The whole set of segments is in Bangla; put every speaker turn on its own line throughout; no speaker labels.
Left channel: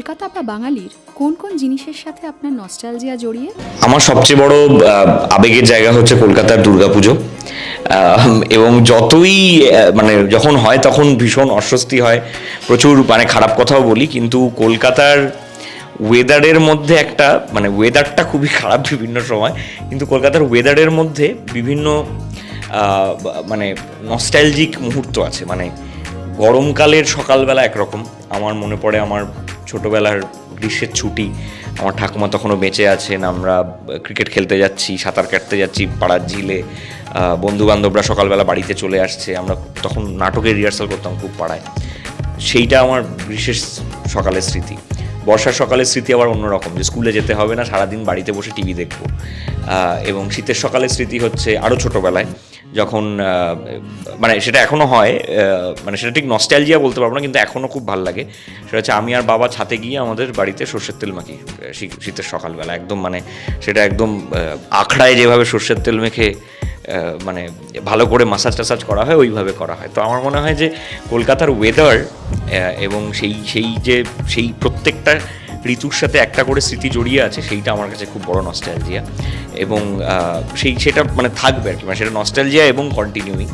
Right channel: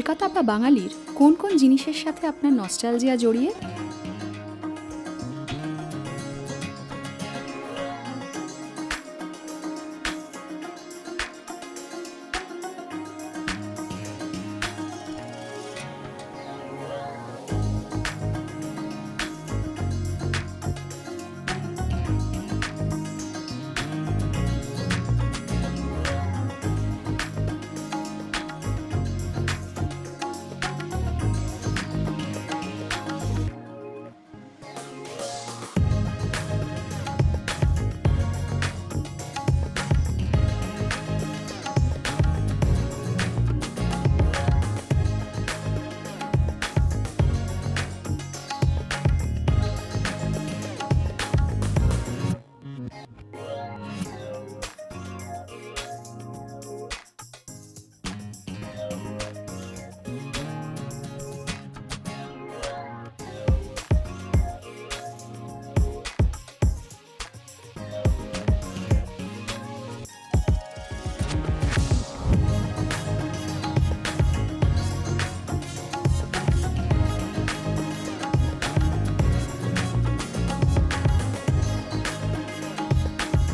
কলকাতা বা বাঙালির কোন কোন জিনিসের সাথে আপনার নস্টালজিয়া জড়িয়ে?
আমার সবচেয়ে বড় আবেগের জায়গা হচ্ছে কলকাতার দুর্গাপুজো। এবং যতই মানে যখন হয় তখন ভীষণ অস্বস্তি হয়। প্রচুর মানে খারাপ কথাও বলি, কিন্তু কলকাতার ওয়েদারের মধ্যে একটা মানে ওয়েদারটা খুবই খারাপ বিভিন্ন সময়, কিন্তু কলকাতার ওয়েদারের মধ্যে বিভিন্ন মানে নস্টালজিক মুহূর্ত আছে। মানে গরমকালের সকালবেলা একরকম। আমার মনে পড়ে আমার ছোটবেলার গ্রীষ্মের ছুটি, আমার ঠাকুমা তখনও বেঁচে আছেন, আমরা ক্রিকেট খেলতে যাচ্ছি, সাঁতার কাটতে যাচ্ছি পাড়ার ঝিলে বন্ধুবান্ধবরা সকালবেলা বাড়িতে চলে আসছে, আমরা তখন নাটকের রিহার্সাল করতাম খুব পাড়ায়। সেইটা আমার বিশেষ সকালের স্মৃতি। বর্ষার সকালের স্মৃতি আবার অন্যরকম, যে স্কুলে যেতে হবে না, সারাদিন বাড়িতে বসে টিভি দেখব। এবং শীতের সকালের স্মৃতি হচ্ছে আরও ছোটোবেলায়, যখন মানে সেটা এখনও হয় মানে সেটা ঠিক নস্টালজিয়া বলতে পারব না, কিন্তু এখনও খুব ভালো লাগে। সেটা হচ্ছে আমি আর বাবা ছাতে গিয়ে আমাদের বাড়িতে সর্ষের তেল মাখি শীতের সকালবেলা, একদম মানে সেটা একদম আখড়ায় যেভাবে সর্ষের তেল মেখে মানে ভালো করে মাসাজ টাসাজ করা হয়, ওইভাবে করা হয়। তো আমার মনে হয় যে কলকাতার ওয়েদার এবং সেই সেই যে, সেই প্রত্যেকটা ঋতুর সাথে একটা করে স্মৃতি জড়িয়ে আছে, সেইটা আমার কাছে খুব বড় নস্টালজিয়া এবং সেই, সেটা মানে থাকবে আর কি মানে সেটা নস্টালজিয়া এবং কন্টিনিউইং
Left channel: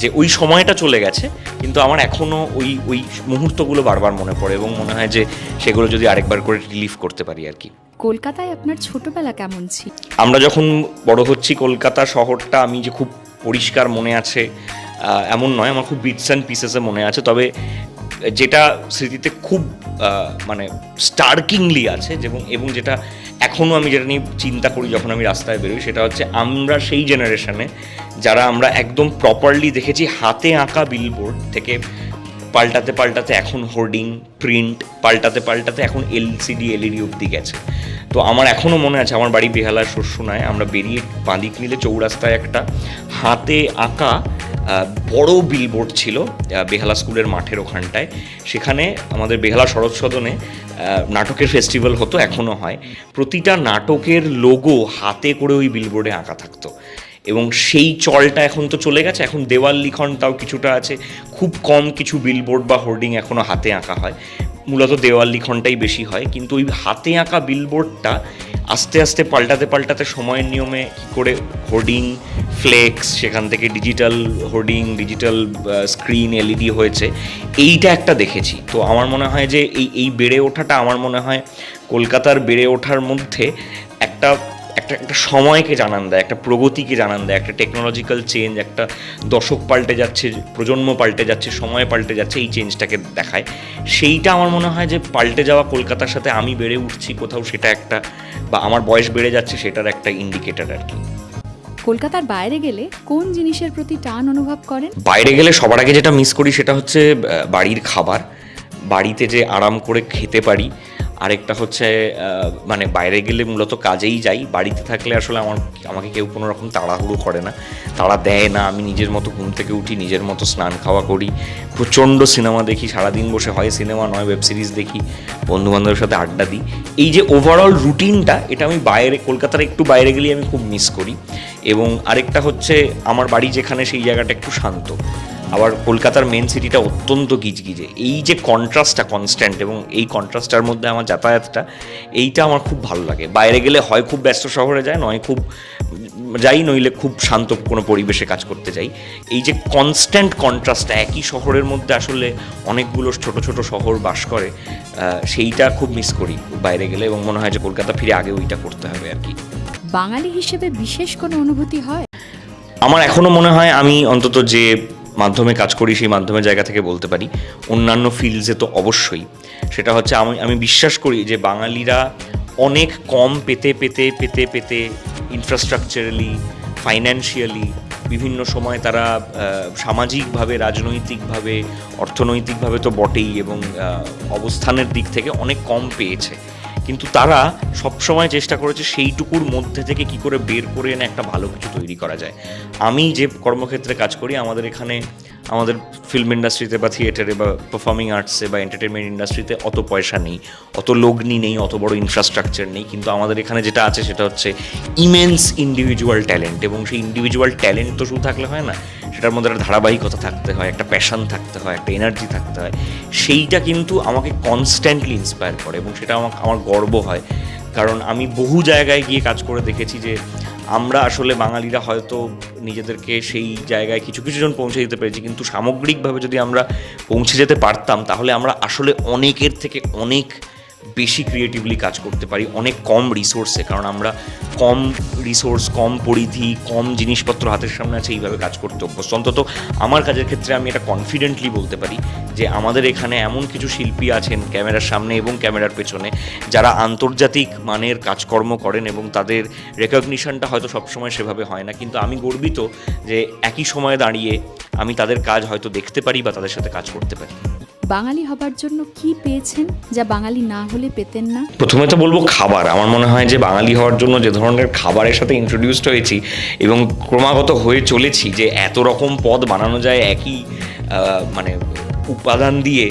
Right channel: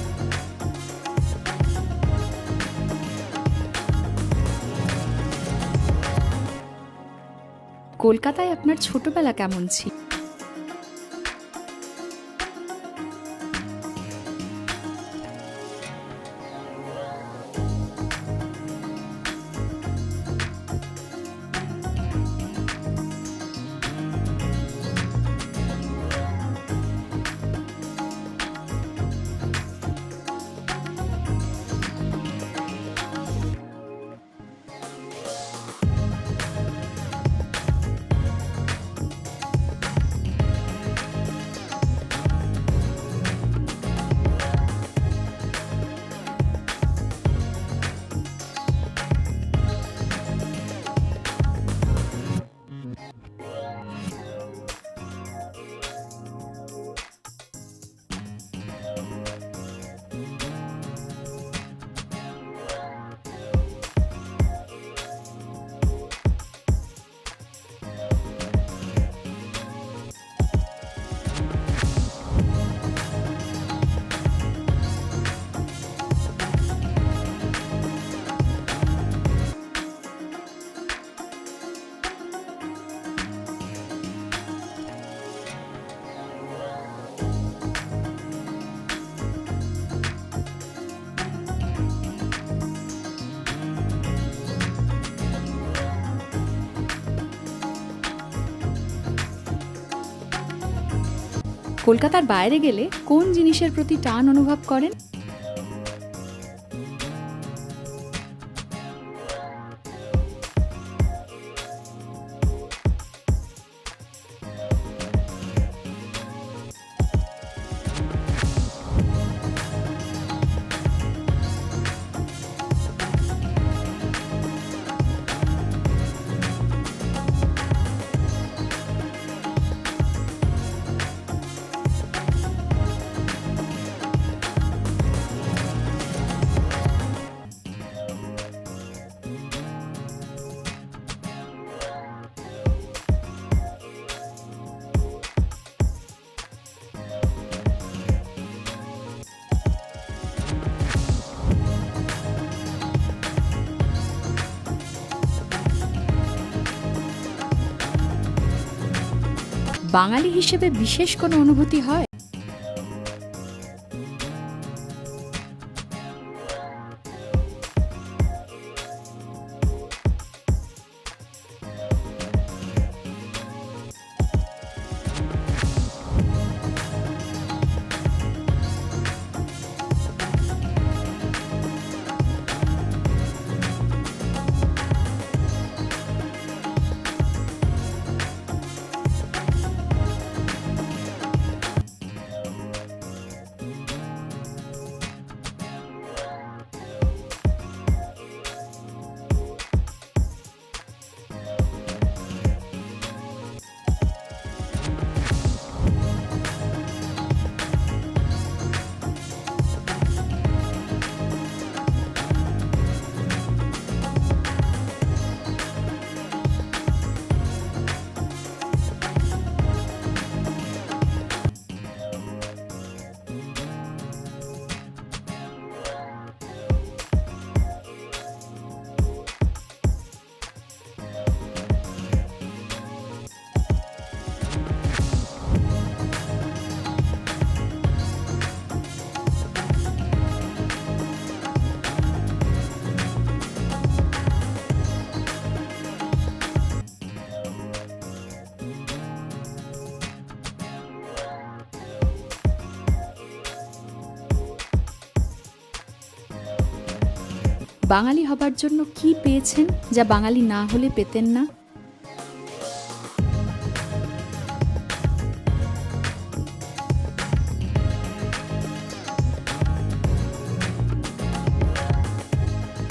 যে ওই সময়টা চলে গেছে, কিন্তু আমার এখনও ওই ওই মুহূর্তগুলো বারবার মনে পড়ে এবং মনে হয় যে সেগুলো যদি আরেকবার করে রিলিভ করতে পারি আর কি।
কলকাতায় আপনার ছোটবেলা কেমন ছিল?
আমরা যখন বড় হচ্ছি, কলকাতা শহরটা আমি যে খুব পরিষ্কার মনে আছে এমন নয়, আমার খুব বিটস অ্যান্ড পিসেসে মনে আছে। তবে যেটা স্মৃতিতে খুব মানে স্টার্কিংলি আছে এবং এবং যেটা এখনও আমি যেটা নিয়ে চিন্তা করি যখন আমি রাস্তায় বেরোই, সেটা হচ্ছে আমরা সেই জেনারেশনে যারা আমরা একদম প্রপারলি দেখেছি, হাতে আঁকা বিলবোর্ড থেকে পাল্টাতে পাল্টাতে এখন হোর্ডিং প্রিন্ট পাল্টাতে পাল্টাতে এখন এলসিডি এলইডি অব্দি গেছে। তো আমার এখনও মনে আছে, আমার বাড়ি বেহালার শস্যনায় আমরা বেরিয়ে বাঁদিক নিলে চৌরাস্তায় একটা হাতে আঁকা বড় বিলবোর্ড ছিল বেহালা স্কুলের মাঠের ওখানটায়। সেখানে আমাদের বেহালা শরৎ সদনে নাটকের ফেস্টিভ্যাল হতো এখনও হয়। প্রতিটা নাটকের লোগো হাতে করে ওই বিলবোর্ডে আঁকা থাকতো। এবং সেই চলটা এখন তো চলে গেছে, এখন দেওয়াল লিখন তাও কিছুটা আছে। খুব কম কিছু বিলবোর্ড বা হোর্ডিং এখনও হাতে আঁকা হয়। মূলত দেওয়াল লিখনটাই বেশি হয়, কিন্তু ওই হাতে আঁকা বিলবোর্ডটা আস্তে আস্তে পাল্টাতে পাল্টাতে সময়ের নিয়মে কী করে হোর্ডিং ফ্লেক্স সেখান থেকে digital hoarding digital screen LED হয়েছে, এইটা একটা দেখেছি। তো আমার মনে হয় যে এই এই বেড়ে ওঠাটা আমার মনে হয় কলকাতার বেড়ে ওঠার মধ্যে একটা একটা একটা সময়কে জানান দেয় একটা প্রগতিকে জানান দেয় একটা টেকনোলজিক্যাল চেঞ্জ একটা দশক পাল্টে যাচ্ছে প্রজন্ম পাল্টে যাচ্ছে সময় পাল্টে যাচ্ছে এই চেঞ্জটাকে দেখায়। সেইটা আমার মনে হয় যে পাল্টে যাওয়া কলকাতার সাথে আমি বেড়ে উঠছি কোথাও সেটা একটা বা আমার বয়স বেড়ে যাচ্ছে সেটার একটা ইন্ডিকেটার আর কি।
কলকাতার বাইরে গেলে কোন জিনিসের প্রতি টান অনুভব করেন?
বাইরে গেলে সবার আগে যেটা মিস করি সেটা হচ্ছে বাড়ির খাবার। বাড়িতে যে আরাম করে খেতে পারি আরেকটা হচ্ছে মানে বাইরে গেলে মূলত কাজেই যাই। বাড়িতে থাকলে আসলে আমার, আমাকে কেউ কোনো রকম তাড়াহুড়ো করে না। তাড়া দেয় না, আমি নিজের মতো ঘুম থেকে উঠি, নিজের মতো স্নান খাওয়া করি। প্রচণ্ড সিনেমা দেখি, সারাদিন বসে হয় সিনেমা, নয় ওয়েব সিরিজ দেখি বন্ধু বান্ধবের সাথে আড্ডা দিই। এই যে ওভারঅল রুটিনটা এটা আমি বাইরে, কলকাতার একটু বাইরে গেলেই আমি খুব মিস করি। এবং আরেকটা হচ্ছে, আমার বাড়ি যেখানে সেই জায়গাটা একটু শান্ত। আবার কলকাতার মেন সিটিটা অত্যন্ত গিজগিজে। এই যে কন্ট্রাস্টটা কনস্ট্যান্ট এবং এই কন্ট্রাস্টটার মধ্যে আমার যাতায়াতটা এইটা আমার খুব ভালো লাগে। বাইরে গেলে হয় খুব ব্যস্ত শহরে যায় নয় খুব যাই নইলে খুব শান্ত কোনো পরিবেশে কাজ করতে যাই। এই যে কনস্ট্যান্ট কন্ট্রাস্টটা একই শহরের মধ্যে আসলে অনেকগুলো ছোট ছোট শহর বাস করে সেইটা খুব মিস করি বাইরে গেলে এবং মনে হয় যে কলকাতা ফিরে আগে ওইটা করতে হবে আর কি।
বাঙালি হিসেবে বিশেষ কোনো অনুভূতি হয়?
আমার এখনও মনে হয় আমি অন্তত যে মাধ্যমে কাজ করি, সেই মাধ্যমের জায়গা থেকে বলতে পারি। অন্যান্য ফিল্ডসে তো অবশ্যই। সেটা হচ্ছে আমি আমি বিশ্বাস করি যে বাঙালিরা অনেক কম পেতে পেতে পেতে পেতে ইনফ্রাস্ট্রাকচারালি ফাইন্যান্সিয়ালি বিভিন্ন সময় তারা সামাজিকভাবে, রাজনৈতিকভাবে, অর্থনৈতিকভাবে তো বটেই এবং অবস্থানের দিক থেকে অনেক কম পেয়েছে। কিন্তু তারা সবসময় চেষ্টা করেছে সেইটুকুর মধ্যে থেকে কি করে বের করে এনে একটা ভালো কিছু তৈরি করা যায়। আমি যে কর্মক্ষেত্রে কাজ করি, আমাদের এখানে আমাদের ফিল্ম ইন্ডাস্ট্রিতে বা থিয়েটারে বা পারফর্মিং আর্টসে বা এন্টারটেনমেন্ট ইন্ডাস্ট্রিতে অত পয়সা নেই, অত লগ্নি নেই, অত বড় ইনফ্রাস্ট্রাকচার নেই। কিন্তু আমাদের এখানে যেটা আছে সেটা হচ্ছে ইমেন্স ইন্ডিভিজুয়াল ট্যালেন্ট এবং সেই ইন্ডিভিজুয়াল ট্যালেন্ট তো শুধু থাকলে হয় না, সেটার মধ্যে একটা ধারাবাহিকতা থাকতে হয়, একটা প্যাশন থাকতে হয়, একটা এনার্জি থাকতে হয়। সেইটা কিন্তু আমাকে কনস্ট্যান্টলি ইন্সপায়ার করে এবং সেটা আমাকে, আমার গর্ব হয়। কারণ আমি বহু জায়গায় গিয়ে কাজ করে দেখেছি যে আমরা আসলে বাঙালিরা হয়তো নিজেদেরকে সেই জায়গায় কিছু কিছু জন পৌঁছে দিতে পেরেছি, কিন্তু সামগ্রিকভাবে যদি আমরা পৌঁছে যেতে পারতাম, তাহলে আমরা আসলে অনেকের থেকে অনেক বেশি ক্রিয়েটিভলি কাজ করতে পারি, অনেক কম রিসোর্সে কারণ আমরা কম রিসোর্স কম পরিধি, কম জিনিসপত্র হাতের সামনে আছে, এইভাবে কাজ করতে অভ্যস্ত। অন্তত আমার কাজের ক্ষেত্রে আমি এটা কনফিডেন্টলি বলতে পারি। যে আমাদের এখানে এমন কিছু শিল্পী আছেন ক্যামেরার সামনে এবং ক্যামেরার পেছনে যারা আন্তর্জাতিক মানের কাজকর্ম করেন এবং তাদের রেকগনিশনটা হয়তো সবসময় সেভাবে হয় না। কিন্তু আমি গর্বিত যে একই সময়ে দাঁড়িয়ে আমি তাদের কাজ হয়তো দেখতে পারি বা তাদের সাথে কাজ করতে পারি।
বাঙালি হবার জন্য কি পেয়েছেন যা বাঙালি না হলে পেতেন না?
প্রথমে তো বলব খাবার। আমার মনে হয় যে বাঙালি হওয়ার জন্য যে ধরনের খাবারের সাথে ইন্ট্রোডিউসড হয়েছি এবং ক্রমাগত হয়ে চলেছি যে এত রকম পদ বানানো যায় একই মানে উপাদান দিয়ে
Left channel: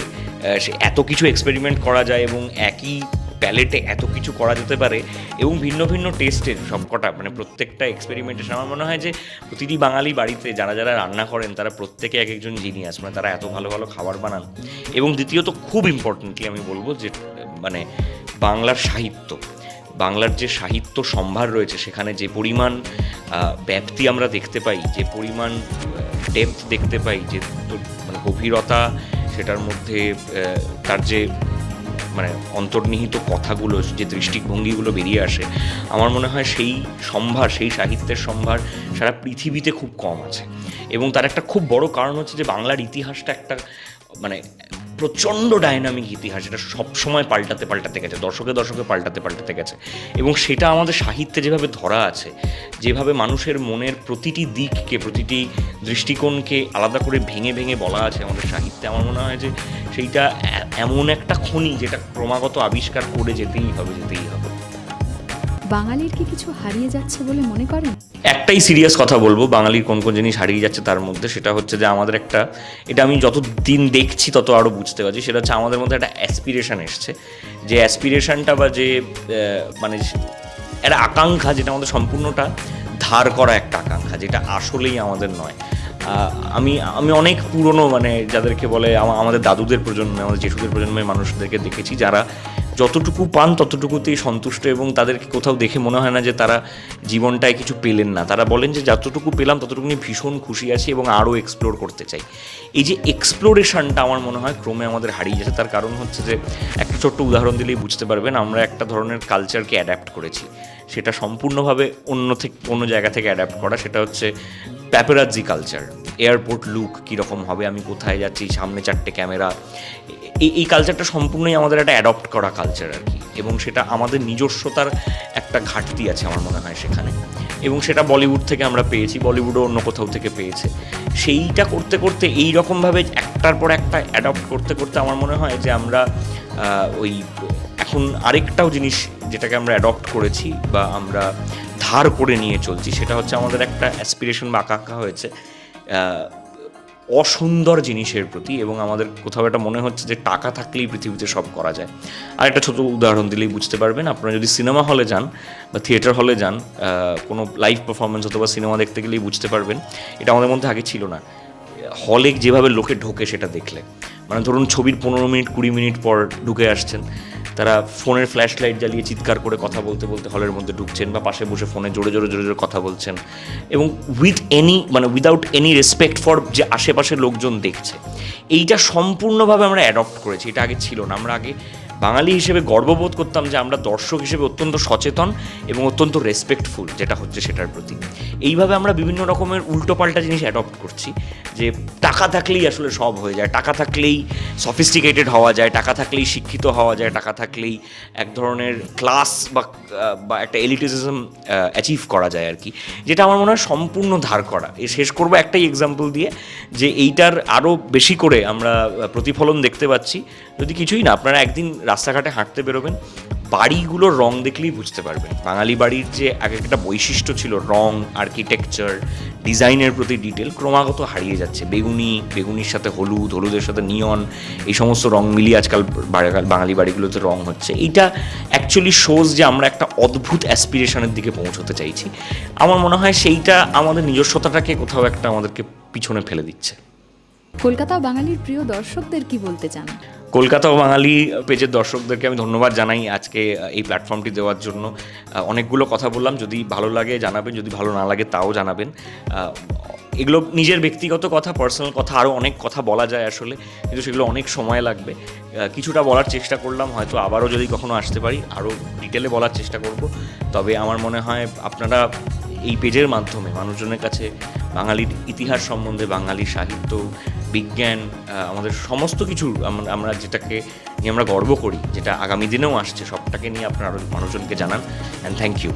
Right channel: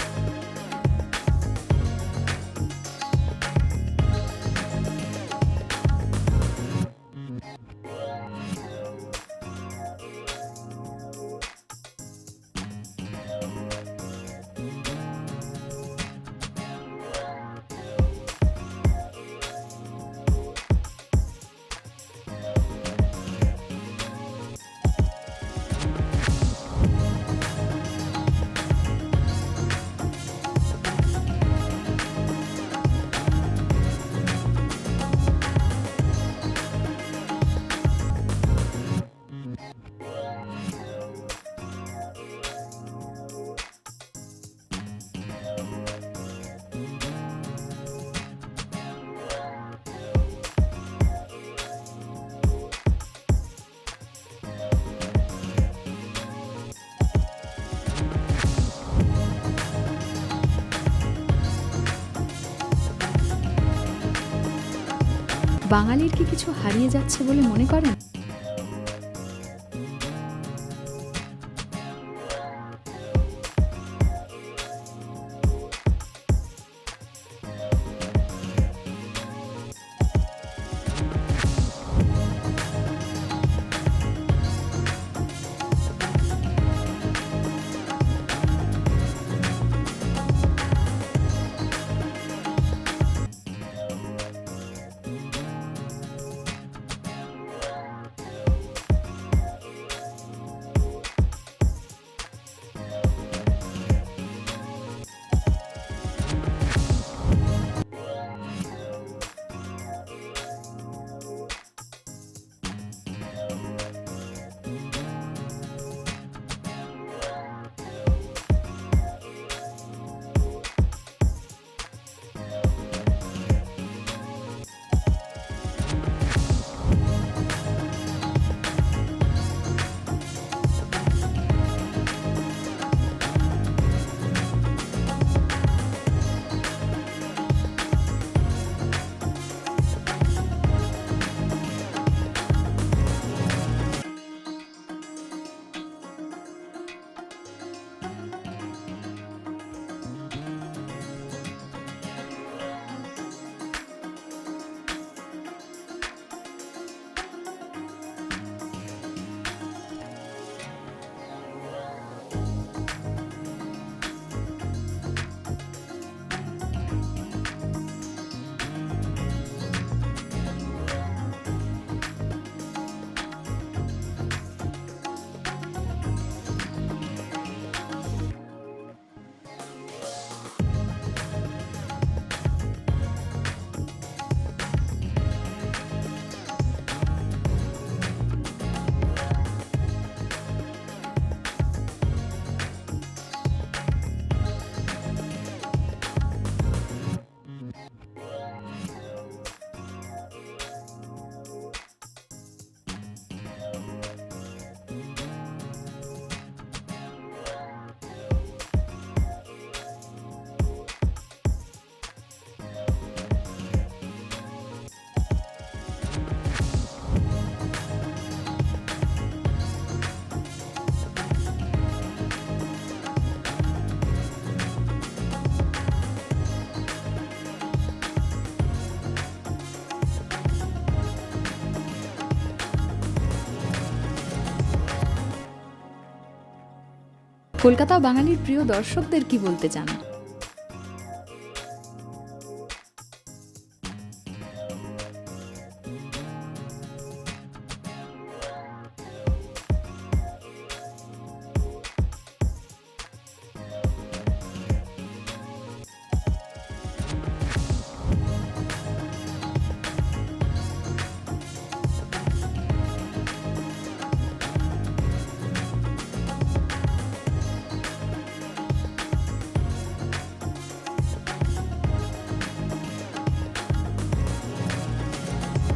সে এত কিছু এক্সপেরিমেন্ট করা যায় এবং একই প্যালেটে এত কিছু করা যেতে পারে এবং ভিন্ন ভিন্ন টেস্টের সবকটা মানে প্রত্যেকটা এক্সপেরিমেন্টেশন আমার মনে হয় যে প্রতিটি বাঙালি বাড়িতে যারা যারা রান্না করেন, তারা প্রত্যেকে এক একজন জিনিয়াস মানে তারা এত ভালো ভালো খাবার বানান। এবং দ্বিতীয়ত খুব ইম্পর্টেন্টলি আমি বলব যে মানে বাংলার সাহিত্য, বাংলার যে সাহিত্য সম্ভার রয়েছে, সেখানে যে পরিমাণ ব্যাপ্তি আমরা দেখতে পাই, যে পরিমাণ ডেপথ দেখতে পাই, যে গভীরতা, সেটার মধ্যে তার যে মানে অন্তর্নিহিত কথাগুলো, যে দৃষ্টিভঙ্গিগুলো বেরিয়ে আসে, আমার মনে হয় সেই সম্ভার, সেই সাহিত্যের সম্ভার সারা পৃথিবীতে খুব কম আছে। এবং তার একটা খুব বড় কারণ হচ্ছে যে বাংলার ইতিহাসটা একটা মানে প্রচণ্ড ডাইনামিক ইতিহাস এটা সবসময় পাল্টাতে পাল্টাতে গেছে, দশকে দশকে পাল্টাতে পাল্টাতে গেছে। এবং সেটা আমাদের সাহিত্যে যেভাবে ধরা আছে, যেভাবে মানুষের মনের প্রতিটি দিককে, প্রতিটি দৃষ্টিকোণকে আলাদা করে ভেঙে ভেঙে বলা আছে আমাদের সাহিত্যে, আমার মনে হয় যে সেইটা এমন একটা খনি যেটা ক্রমাগত আবিষ্কার করে যেতেই হবে যেতেই হবে।
বাঙালির কি কিছু হারিয়ে যাচ্ছে বলে মনে করেন?
একটাই সিরিয়াস কথা বলব, বাঙালির কোন কোন জিনিস হারিয়ে যাচ্ছে তার মধ্যে সেটা হচ্ছে যে আমাদের একটা, এটা আমি যত দিন দেখছি তত আরও বুঝতে পারছি, সেটা হচ্ছে আমাদের মধ্যে একটা অ্যাসপিরেশন এসছে। যে অ্যাসপিরেশনটা বা যে মানে একটা আকাঙ্ক্ষা যেটা আমাদের সম্পূর্ণটা ধার করা একটা আকাঙ্ক্ষা, যেটা আসলেই আমাদের নয়। আমি আমি অনেক পুরনো মানে যাদেরকে বলে আমাদের দাদুদের প্রজন্মে, আমাদের জেঠুদের প্রজন্মের মানুষদেরকে দেখেছি যারা যতটুকু পান ততটুকুতেই সন্তুষ্ট এবং তাদেরকে কোথাও দেখে মনে হয় না যে তারা জীবনটায় কিছু পেলেন না। তারা বলেন যে যতটুকু পেলাম ততটুকু নিয়ে ভীষণ খুশি আছি এবং আরও এক্সপ্লোর করতে চাই। এই যে এক্সপ্লোরেশনটা আমার মনে হয় ক্রমে আমাদের হারিয়ে যাচ্ছে। তার কারণ হচ্ছে যে একটা ছোট্ট উদাহরণ দিলেই বুঝতে পারবেন, আমরা একটা ধরনের কালচারকে অ্যাডাপ্ট করেছি। সেটা সম্পূর্ণভাবে অন্য থেকে, অন্য জায়গা থেকে অ্যাডাপ্ট করা। সেটা হচ্ছে প্যাপেরাজি কালচার এয়ারপোর্ট লুক কীরকম হবে, আমি কোথায় যাচ্ছি, সামনে চারটে ক্যামেরা এই এই কালচারটা সম্পূর্ণই আমাদের একটা অ্যাডপ্ট করা কালচার আর কি। এবং সেটা আমাদের নিজস্বতার একটা ঘাটতি আছে আমার মনে হয় সেখানে। এবং সেটা বলিউড থেকে আমরা পেয়েছি বলিউডও অন্য কোথাও থেকে পেয়েছে। সেইটা করতে করতে এই রকমভাবে একটার পর একটা অ্যাডপ্ট করতে করতে আমার মনে হয় যে আমরা ওই এখন আরেকটাও জিনিস যেটাকে আমরা অ্যাডপ্ট করেছি বা আমরা ধার করে নিয়ে চলছি, সেটা হচ্ছে আমাদের একটা অ্যাসপিরেশন বা আকাঙ্ক্ষা হয়েছে অসুন্দর জিনিসের প্রতি এবং আমাদের কোথাও একটা মনে হচ্ছে যে টাকা থাকলেই পৃথিবীতে সব করা যায়। আর একটা ছোটো উদাহরণ দিলেই বুঝতে পারবেন, আপনারা যদি সিনেমা হলে যান বা থিয়েটার হলে যান কোনো লাইভ পারফরমেন্স অথবা সিনেমা দেখতে গেলেই বুঝতে পারবেন, এটা আমাদের মধ্যে আগে ছিল না। হলে যেভাবে লোকে ঢোকে সেটা দেখলে। মানে ধরুন ছবির পনেরো মিনিট, কুড়ি মিনিট পর ঢুকে আসছেন। তারা ফোনের ফ্ল্যাশ লাইট জ্বালিয়ে চিৎকার করে কথা বলতে বলতে হলের মধ্যে ঢুকছেন বা পাশে বসে ফোনে জোরে জোরে জোরে জোরে কথা বলছেন। এবং উইথ এনি মানে উইদাউট এনি রেসপেক্ট ফর যে আশেপাশের লোকজন দেখছে। এইটা সম্পূর্ণভাবে আমরা অ্যাডপ্ট করেছি। এটা আগে ছিল না। আমরা আগে বাঙালি হিসেবে গর্ববোধ করতাম যে আমরা দর্শক হিসেবে অত্যন্ত সচেতন এবং অত্যন্ত রেসপেক্টফুল যেটা হচ্ছে সেটার প্রতি। এইভাবে আমরা বিভিন্ন রকমের উল্টোপাল্টা জিনিস অ্যাডপ্ট করছি। যে টাকা থাকলেই আসলে সব হয়ে যায়। টাকা থাকলেই সফিস্টিকেটেড হওয়া যায়, টাকা থাকলেই শিক্ষিত হওয়া যায়, টাকা থাকলেই এক ধরনের ক্লাস বা একটা এলিটিজম অ্যাচিভ করা যায় আর কি যেটা আমার মনে হয় সম্পূর্ণ ধার করা। এ শেষ করব একটাই এক্সাম্পল দিয়ে যে এইটার আরও বেশি করে আমরা প্রতিফলন দেখতে পাচ্ছি। যদি কিছুই না, আপনারা একদিন রাস্তাঘাটে হাঁটতে বেরোবেন বাড়িগুলোর রং দেখলেই বুঝতে পারবেন। বাঙালি বাড়ির যে এক একটা বৈশিষ্ট্য ছিল, রং আর্কিটেকচার ডিজাইনের প্রতি ডিটেল ক্রমাগত হারিয়ে যাচ্ছে। বেগুনি, বেগুনির সাথে হলুদ, হলুদের সাথে নিয়ন এই সমস্ত রং মিলিয়ে আজকাল বাঙালি বাড়িগুলোতে রং হচ্ছে। এইটা অ্যাকচুয়ালি শোজ যে আমরা একটা অদ্ভুত অ্যাসপিরেশনের দিকে পৌঁছতে চাইছি। আমার মনে হয় সেইটা আমাদের নিজস্বতাটাকে কোথাও একটা আমাদেরকে পিছনে ফেলে দিচ্ছে।
কলকাতা বাঙালির প্রিয় দর্শকদের কি বলতে চান?
কলকাতা ও বাঙালি পেজের দর্শকদেরকে আমি ধন্যবাদ জানাই আজকে এই প্ল্যাটফর্মটি দেওয়ার জন্য। অনেকগুলো কথা বললাম, যদি ভালো লাগে জানাবেন, যদি ভালো না লাগে তাও জানাবেন। এগুলো নিজের ব্যক্তিগত কথা পার্সোনাল কথা আরও অনেক কথা বলা যায় আসলে, কিন্তু সেগুলো অনেক সময় লাগবে। কিছুটা বলার চেষ্টা করলাম, হয়তো আবারও যদি কখনো আসতে পারি আরও ডিটেলে বলার চেষ্টা করব। তবে আমার মনে হয় আপনারা এই পেজের মাধ্যমে, মানুষজনের কাছে বাঙালির ইতিহাস সম্বন্ধে, বাঙালি সাহিত্য বিজ্ঞান আমাদের সমস্ত কিছু আমরা যেটাকে নিয়ে আমরা গর্ব করি, যেটা আগামী দিনেও আসছে, সবটাকে নিয়ে আপনারা মানুষজনকে জানান অ্যান্ড থ্যাংক ইউ